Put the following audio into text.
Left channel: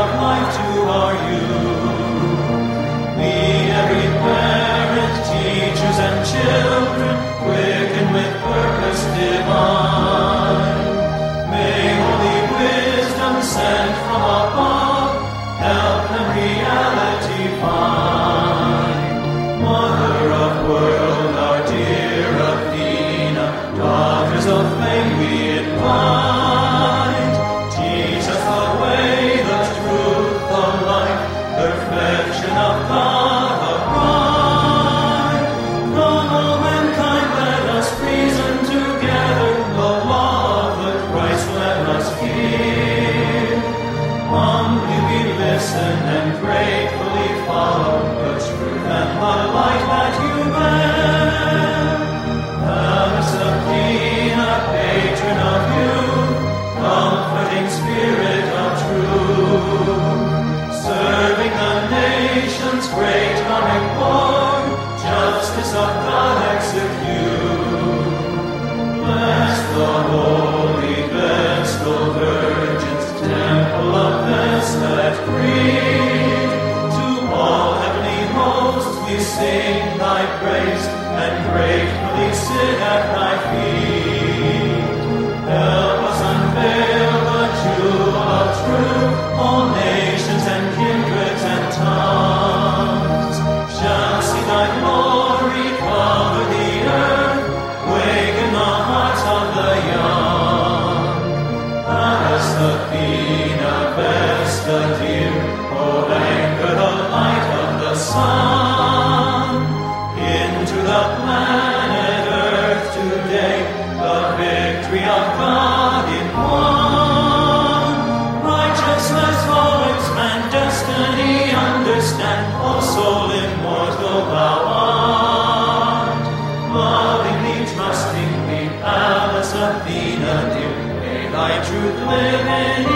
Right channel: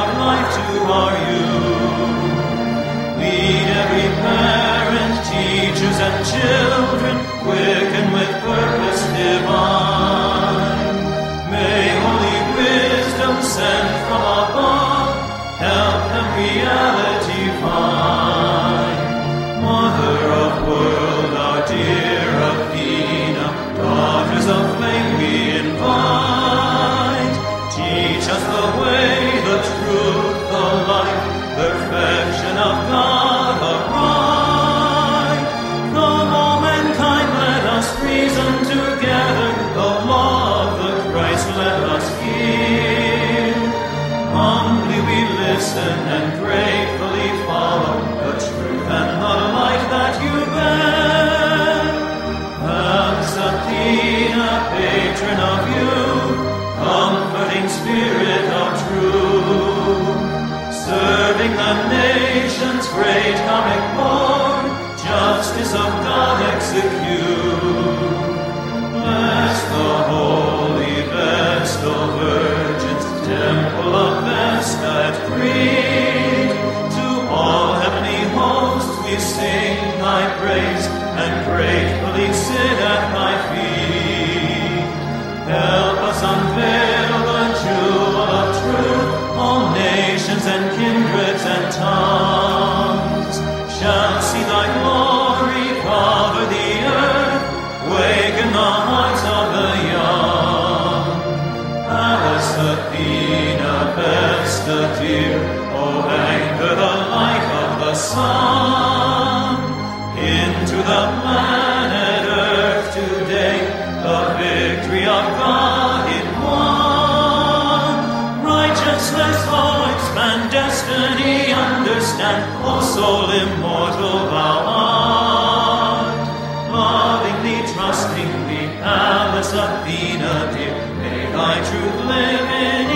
of life to our youth. Lead every parent, teachers, and children, quicken with purpose divine. May holy wisdom sent from above help them reality find. Mother of world, our dear Athena, daughters of flame we invite. Teach us the way, the truth, the light, perfection of God upright. Come, all mankind, let us reason together, the law of the Christ let us hear. Humbly we listen and gratefully follow the truth and the light that you bear. Alice Athena, patron of youth, comforting spirit of truth, serving the nations, great comic Lord, justice of God execute. Bless the holy Vestal Virgins, temple of Vesta at Crete. To all heavenly hosts we sing thy praise and gratefully sit at thy feet. Help us unveil the jewel of truth, all nations and kindreds and tongues shall see thy glory cover the earth, waken the hearts of the young. Alice Athena, Vesta dear, O anchor the light of the sun. Into the planet Earth today, the victory of God in one. Righteousness all expand, destiny understand, O soul immortal thou art. Lovingly, trustingly, Alice Athena dear, may thy truth live in